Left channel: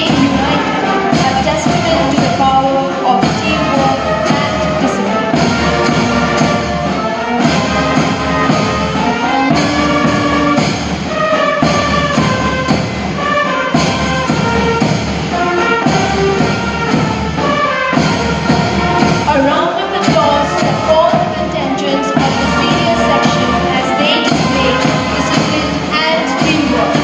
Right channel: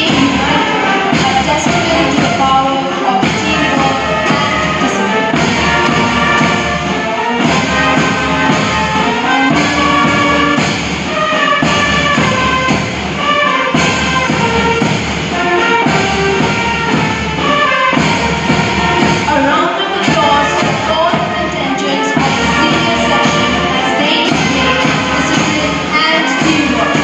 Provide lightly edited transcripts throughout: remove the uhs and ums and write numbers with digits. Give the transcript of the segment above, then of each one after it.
stay united, a testament to the power of teamwork and discipline. A round of applause for all the contingents of the senior section as they display discipline and teamwork.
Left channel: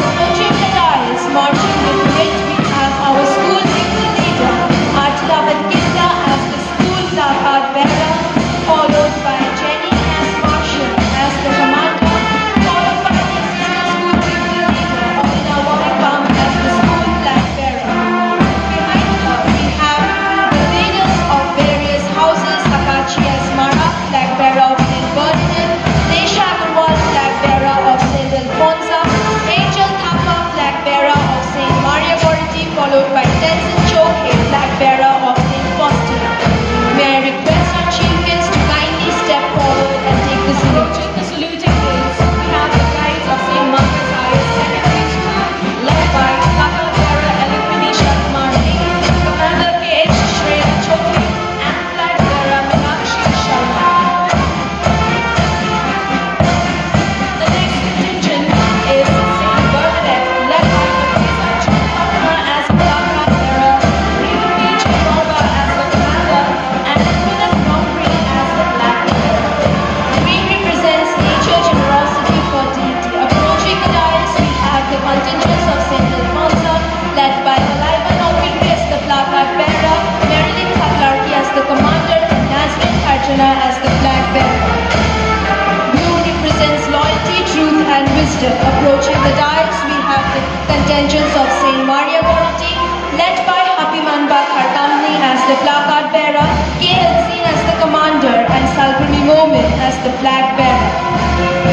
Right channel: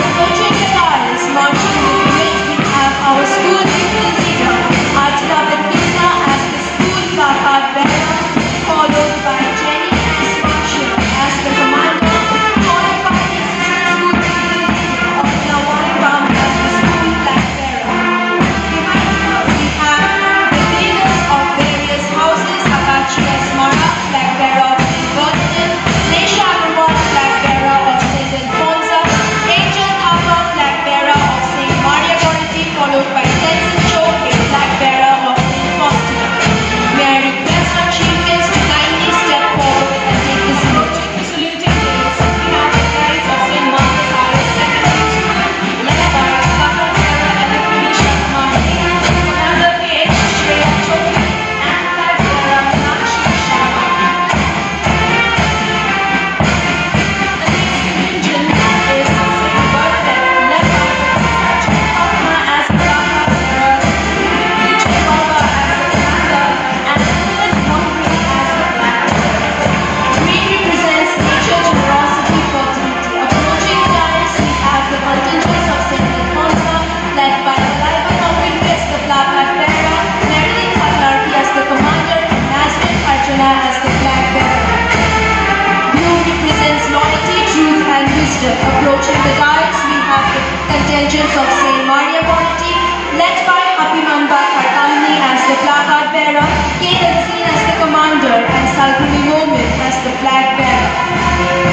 Approaching the dais, marching with wit, we have our school pupil leader, Atila Venkita as the school placard bearer, followed by Jenny S. Marshall as the commander, followed by the assistant school pupil leader, Abhina Warringbaum as the school flag bearer. Behind her, we have the leaders of various houses, Akachi S. Mara, flag bearer of St. Bernardine, Nesha Agarwal, flag bearer of St. Alfonso, Angel Thapa, flag bearer of St. Maria Goretti, followed by Tenzin Choke, flag bearer of St. Faustina. May I request our chief guest to kindly step forward and take the salute. With the saluting gates, we have the guides of St. Martha's Higher Secondary School, led by flag bearer Alipnisha Kumari, Commander K.H. Shreya Choke, and flag bearer Meenakshi Sharma. The next contingent is St. Bernadette, led by Aruna as the placard bearer, Ruby Chakorba as the commander, and Punas Nongri as the flag bearer. Green represents nature, generosity, fertility. Approaching the dais, we have the contingents of St. Alfonso, led by Aliva Nongri as the placard bearer, Marilyn Thaklarki as the commander, and Nazrin Arjuna as the flag bearer. Blue represents loyalty, truth, and wisdom. Approaching the dais, we have the contingents of St. Maria Goretti, led by Hapimanba Karkamni as the placard bearer, K. Halseen as the commander, and Salguni Momin as the flag bearer.